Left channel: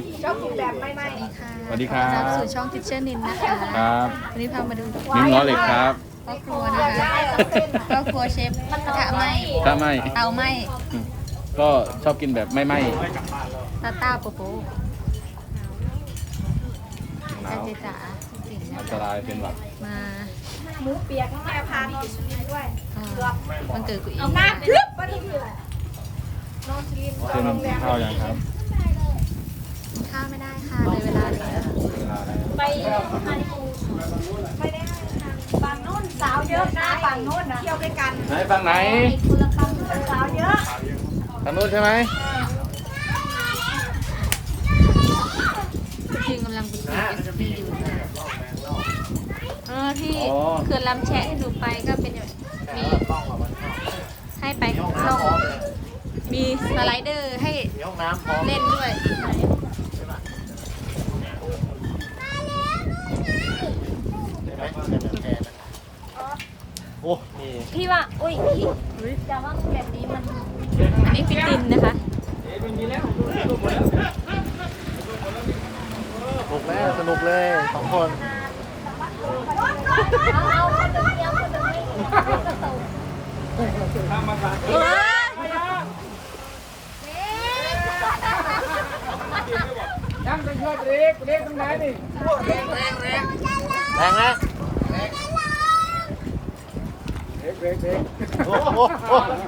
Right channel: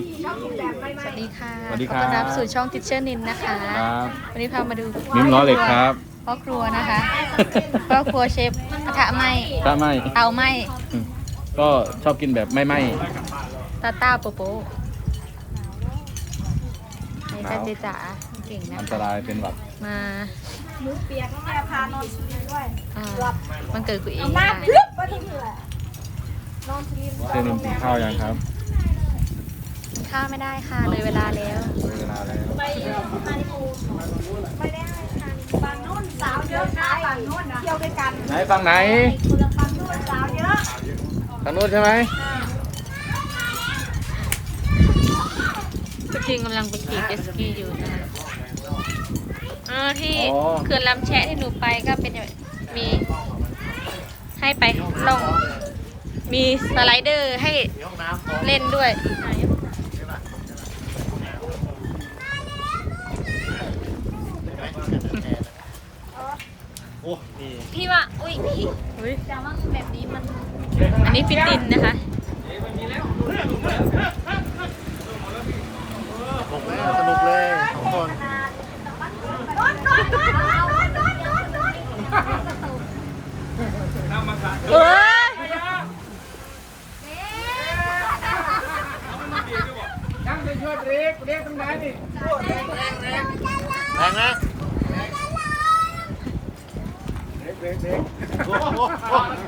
สวัสดีค่ะสวัสดีครับ ขอต้อนรับสู่ช่องทิชเชอร์นินนะคะ ครับวันนี้พามาดูนิ้มล้อเหล็กครับพ่อครัวนะคะพ่อครัวเชฟกระทะไหมถ้าไม่เตาไหมอืมก็ชอบกินแบบไม่ไหม้ตาต้าโปโปนี่จ้าเจจ๋าเก่งนะอันตคะ รายเป็นแบบมาหมูเปียกน้องแอร์พานอนชิมด้วยอ่าวันเกิดคุณเองมานะคะลึกก็ที่เหลือนอนชิมจอให้งโรมันงแรกินมข้าวยังครับกิน ข้าวไม่ได้ค่ะเลยเวลาแล้ว ไปฮานิมูนไปได้ฝั่งนู้นสาวเยอะนะฝั่งนู้นเที่ยวด้วยกันไหนฝั่งไหนคนละคำสาวเยอะฝั่งนู้นใช่ไหมคุณจริงกำลังไปขี่เจตสกีอยู่นะคะอ่าที่เขื่อนลำแชะที่หนูไปก็เป็นแบบมีให้ไปล่องมีสไลเดอร์ให้เล่นด้วย พี่ว่า อุ้ยแต่ว่าแบบนี้มันอันนี้ฟิตินนะคะสนุกเลยสองคน เฮ้ย ถอยถอยถอย สาวนั่งด้วยหน่อยเอาน้องนั่งด้วยดิเอาสาวนั่งด้วยดิ เดี๋ยวเดี๋ยวเดี๋ยวกัน พี่ไป ถอ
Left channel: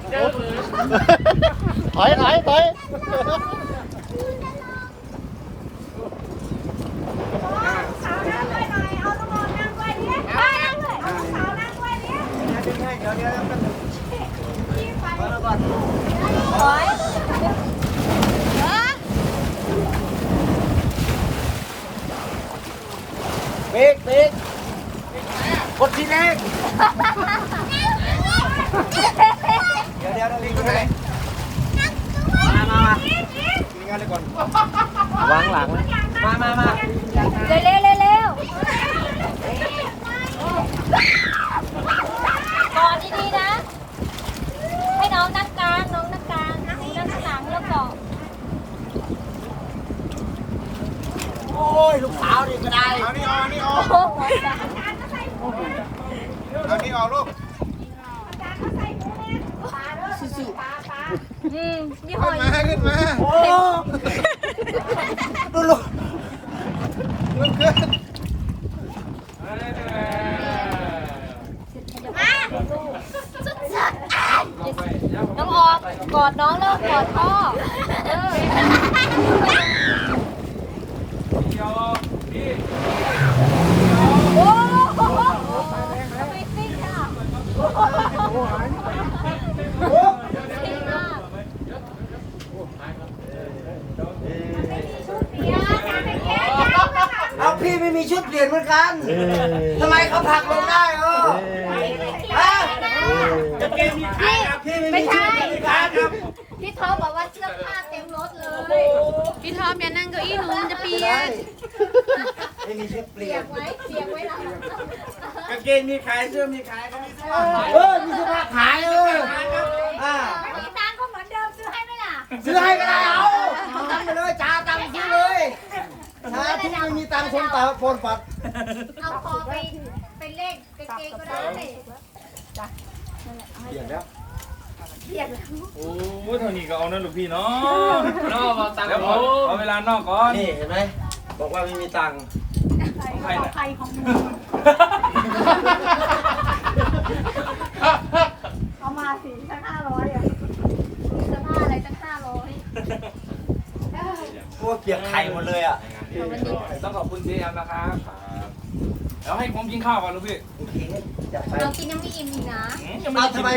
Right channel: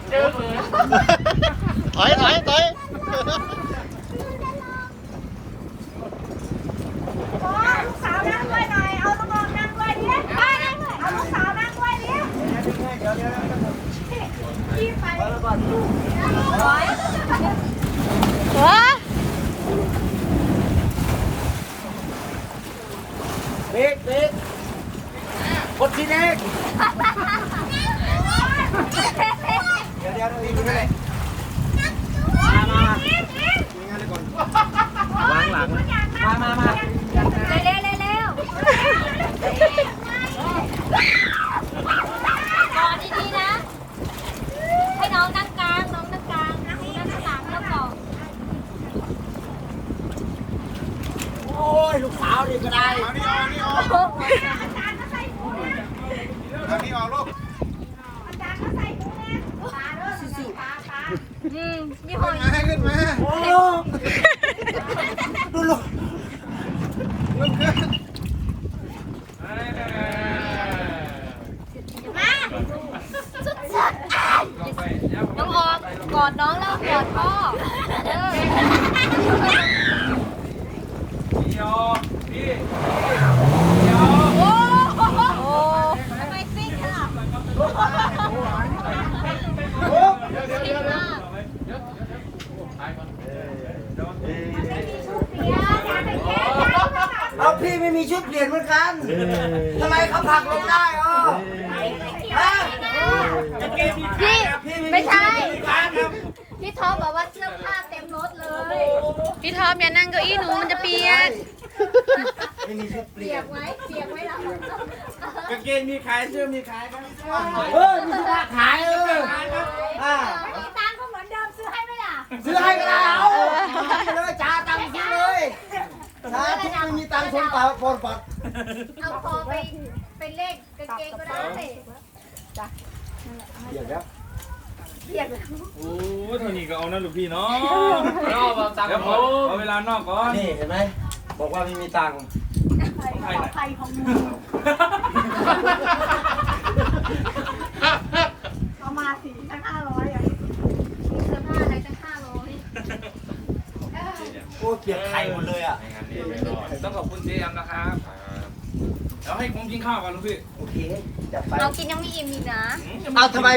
ยมาก่อนเฮ้ยเบรกเบรกกดทีแรก เดี๋ยวนี่ก็ได้มามามากินงานเลยก่อนวางหลังมามามาเร็วเร็วเร็วเร็ว นอนดีๆนะ ให้น้องนั่งกลาง น้องนั่งกลาง นั่งนั่งข้างหลังแล้วก่อน โอ้ยลูกสาวนี่ก็ได้ เอานี่ออกนี่ออก เอานี่ออกลูก อืมนี่หขึ้อนยมาขึ้นมาโอ้ดูลูกลุกขึ้น น้องออกกอดน้องแล้วกอดพ่อ เอาพี่ไม่มีชุดเปลี่ยนเหมือนกันทำไม เขาผลักลงได้เออฮะจะเกมมีใครครับพี่ไม่มีชุดเปลี่ยนเหมือนกันครับพี่ท็อปบอกว่าเสื้อผ้าเต็มรถเลย พี่ทอมอย่านั่งเก้าอี้หนูมันจะเปียกไม่มีชุดเปลี่ยนไว้เปียกไว้นะกางเกงมีขายเสื้อมีขายครับเออมีเสื้อผ้าขายเอออ่าไม่มีตังค์ก็เหมือนเดิมซื้อให้ไหมล่ะซื้อให้ก็ได้เอาเอาไปเลยจ้าตังค์ซื้อเลยถ้าทุกไม่มีตังค์คนตาปนปัดเอาทองไป ไปเลขกางเกงก็ได้เดี๋ยวนะโอ้ยเท่านี้ก็เอานะลูกพี่เนาะเดี๋ยวขอขอเวลานอกก่อนนี่เห็นไหมบอกว่าไม่มีตังค์ของใครน่ะใครของมึงเอามาสิตั้งห้าร้อยอะเสื้อผ้าอะไรตั้งห้าร้อยโอ้เกียกไข่หมดเลยอะต้องขอบคุณเจมนะครับ เดี๋ยวให้ผมกินข้าวก่อนลูกพี่โอเคอยากไปเรากินยังไม่อิ่มอีกนะอืมยังเอาทำไม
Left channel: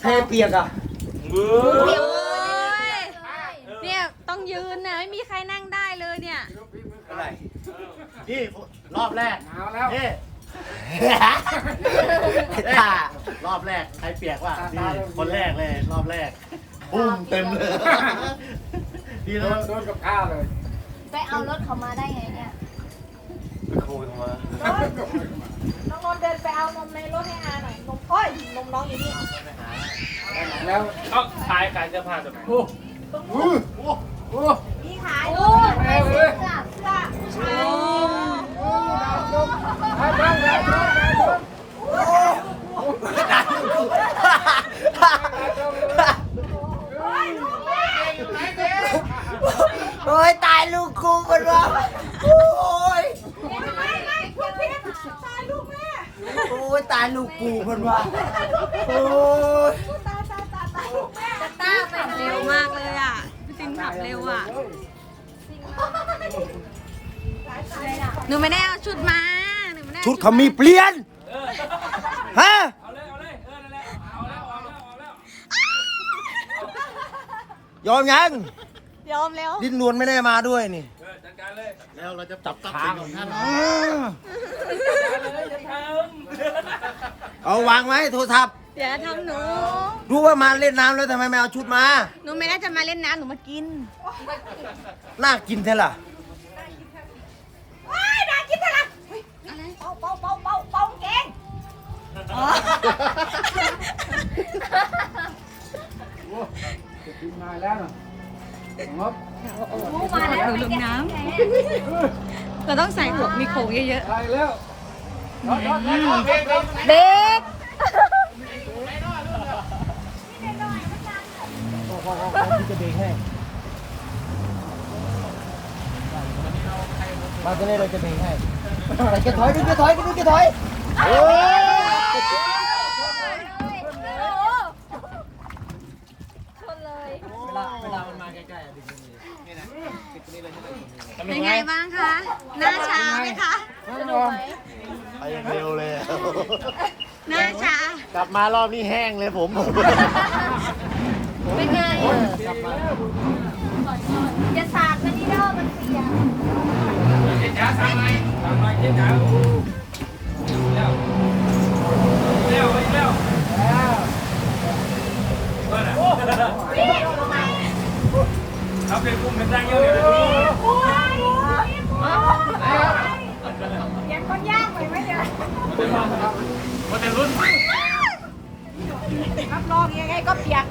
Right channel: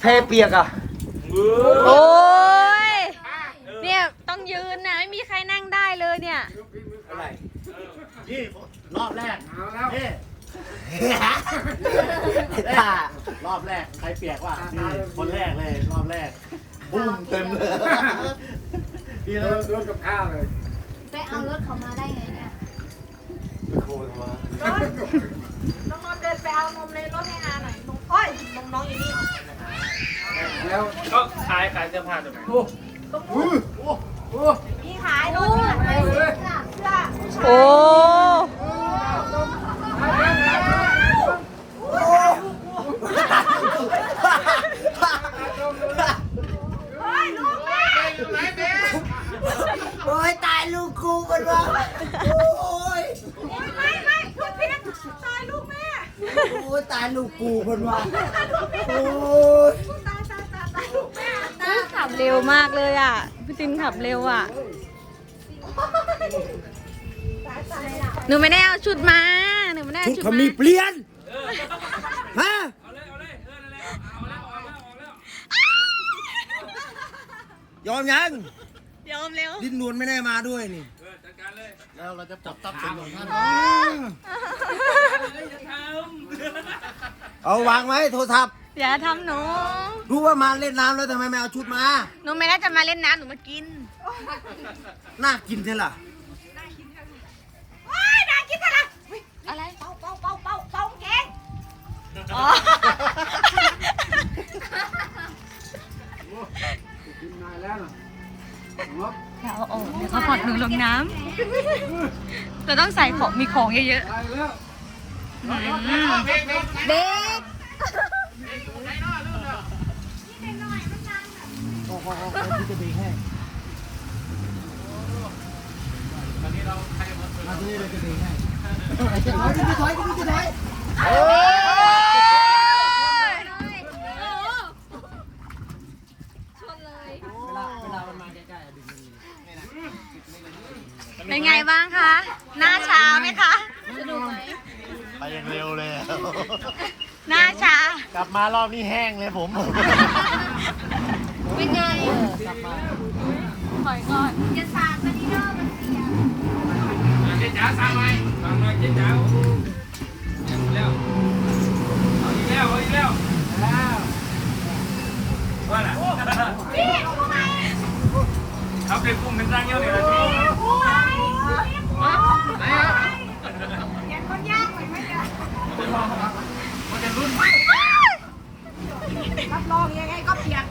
แพเปียกอะเบื่โอ้อยเนี่ยต้องยืนนะไม่มีใครนั่งได้เลยเนี่ย อะไรพี่รอบแรกพี่ไอ้ตารอบแรกใครเปียกว่ะนี่คนแรกเลย รอบแรกบุ้มเต็มเลยดีเลยโดนกับข้าวเลยไปเอารถเขามาได้ไงเนี่ย ไปขโมยมาน้องนนท์เดินไปเอานมในรถให้อาหน่อยนมอ้อยนมน้องอยู่นี่แล้วก็ขายขายเสื้อผ้าถูกไหมโอ้โหโอ้โหพี่ขายนโอ้ม ไปซื้อ โอ้ยตายลูกกูมันวะโอ้ย ไม่ไม่พูดผิดตายลูกแม่ โอ้ยตายลูกกูมันวะโอ้ยขับเร็วมากเลยอะ พี่ตินขับเร็วอะ หนูไม่ได้เอาชุดมา หนูไม่ได้อชุดเขามีเปลี่ยน ฮะยอมยัง ยอมแล้ว ดิ้นนวลไม่ได้มาด้วยนี่แล้วเราจะจับทรัพย์สินของท่าน เอาวางไว้โทรศัพท์ อย่าทำหนู รู้ว่ามาเล่นน้ำแล้วทำไมไม่เอาชุดมา หนูไม่ได้จะมาเล่นน้ำหนูมากิน น่ากินเท่าล่ะ ว้ายน่ากินจังเลยอะไร เป่าเป่าเป่าเป่าเป่าเก่งอ๋อ กินมาแล้วนะงบอย่าเอาออกเดี๋ยวเขากดหนูลงน้ำเราต้องใส่ของมีของเยอะได้แล้วๆอืม เด็กโอ้โหพี่จะเบรกให้มาจะได้เราจะเบรกให้อะไรจะถอยดิจะถอยดิจะถอยเวลาเวลามันมาใกล้ๆอะดึงตรงนี้นี่นะดึงตรงนี้เลยใช่ไหมตรงนี้ เป็นไงบ้างคะ หน้าช้าไหมคะ ไปอย่างเร็วเลย หน้าช้ากลับมารอบนี้แห้งเลยผมเป็นไงจะสาดมันนี่เด้อมันเสียจ้าทำไมทำไมเจ๊จ้าแล้วแล้วแล้วว่าน่ะครับเด็กกุ้งเป็นตั้งเยอะเลยยังคนย่างไปไหมเนี่ย คนในรุ่นรับรองยังไงก็เปียก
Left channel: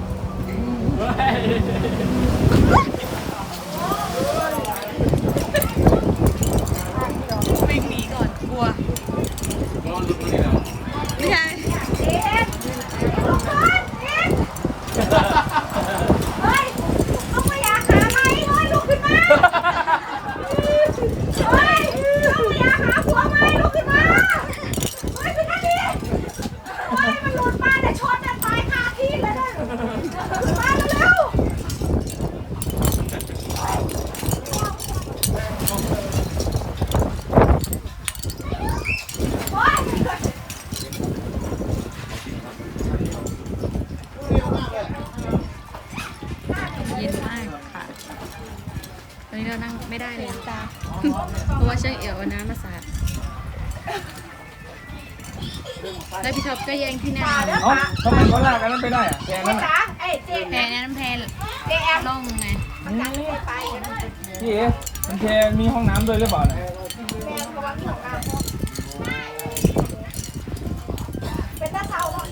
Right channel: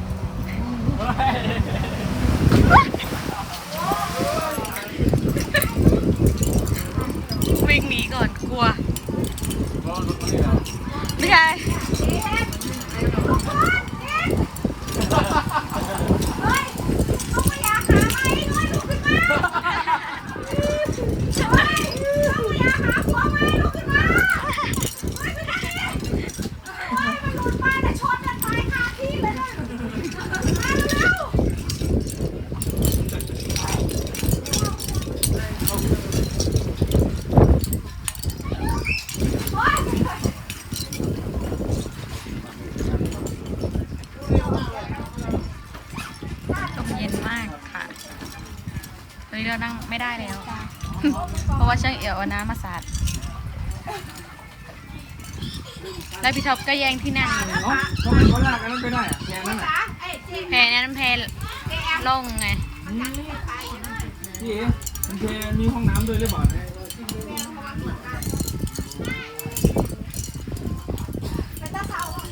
วิ่งหนีก่อนกลัว ก็รุ่นนี้แล้ว ไม่ใช่ เด็ดลูกคนเด็ดเฮ้ยเอาไปอยากหาไหมเฮ้ยลุกขึ้นมาเฮ้ยเอาไปอยากหาผัวไหมลุกขึ้นมาเฮ้ยขึ้นมาดิเฮ้ยมันหลุดมาแต่ชนจะตายคาที่เลยนะมาเร็วๆ ลม เย็นมากค่ะ วันนี้เรานั่งไม่ได้แล้ว เพราะว่าช่างเอี่ยวเอาน้ำมาสาด แล้วพี่ท็อปก็แย่งที่นั่งอยู่เอ้าทำไมเขาลากกันนั้นไปได้อะแกนั่นน่ะจ๋าเอ้ยเจ๊แพนั้นแพล่องไง พี่เอ๋ มันแพมีห้องน้ำด้วยหรือเปล่าเนี่ยเป็นตาเทาอะ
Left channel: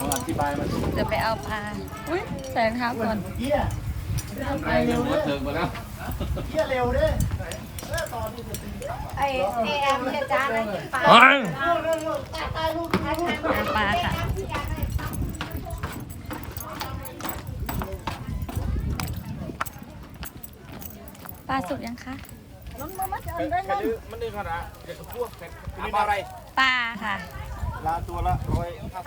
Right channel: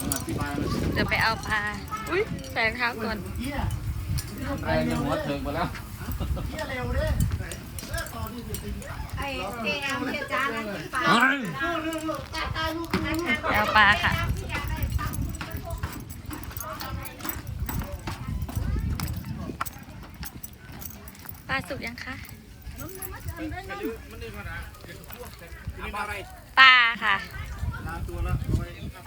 ลองอธิบายมันเดี๋ยวไปเอาปลา อุ้ยใส่รองเท้าก่อนไปเร็วมาเถิงมาแล้วไอ้เอแอมเจ๊จ้านะปลาไป เอาปลาค่ะปลาสุกยังคะมันได้ขนาดเก็บพวกเก็บอะไรปลาค่ะลาตัวละร้อยห้า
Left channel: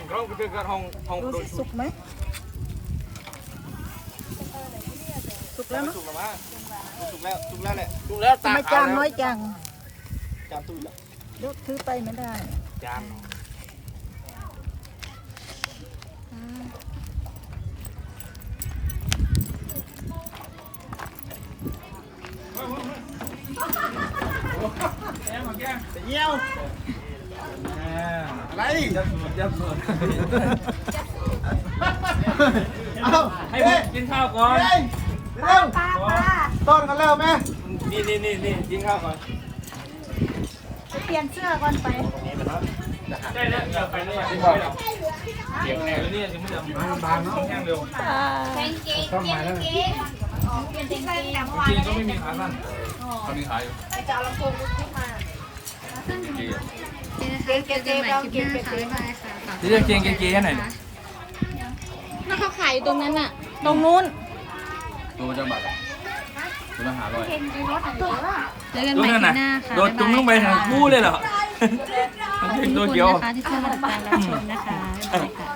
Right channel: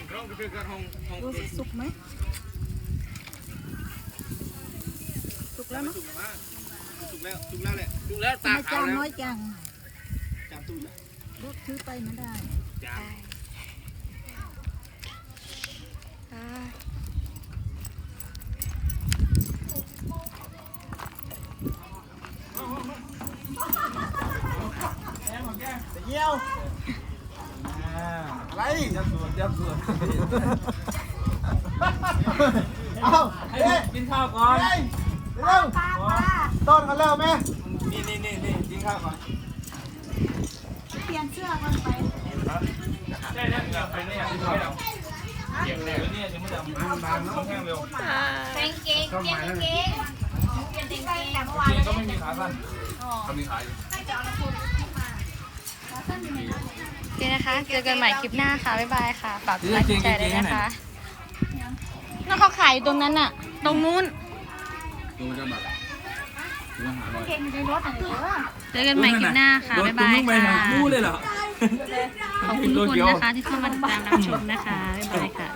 สิบห้องไปเจอกันห้องห้องดูสุกไหมสุกแล้วเนาะ สุกแล้วสุกแล้วสุกแล้วแหละสุกแล้วทำไมจานน้อยจังจานตุ้ยละยกถือไปไม่ได้จานปลาแก้มของแก้มเยี่ยวอะไรยับสูดยับสูดเอ้าให้ผมกินข้าวก่อนเร็ว ปลาปลาต้นกันแล้วไหมนี่นี่นี่นี่กินข้าวก่อนเปลี่ยนเสื้อก่อนไปได้แล้วเดี๋ยวไปนี่ยังกินข้าวเดี๋ยวนี่ยังไม่ยอมบางเนาะแห้งเร็วปลาแกงเกงแกงเกงที่ไปแต่เมื่อวานเกแล้วงก็เนี่ยไม่มีขาสั้นเขามีขายอยู่โอเคนะคะ เจอกันใหม่คลิปหน้าค่ะ บ๊ายบายค่ะฝากเดี๋ยวเกงเกงเกงให้หน่อยนั่นเขาขายอยู่ตรงนั้นน่ะ ตรงนู้นตัวมันจะบัตร ตัวละหาร้อย เจอกันใหม่คลิปหน้าค่ะโดนบ๊ายตุ้มบายลงไปค่ะทั้งคู่เลยเหรอ ขอบคุณทุกคนนะคะที่เข้ามาติดตามรับชมนะคะบ๊ายบายค่ะ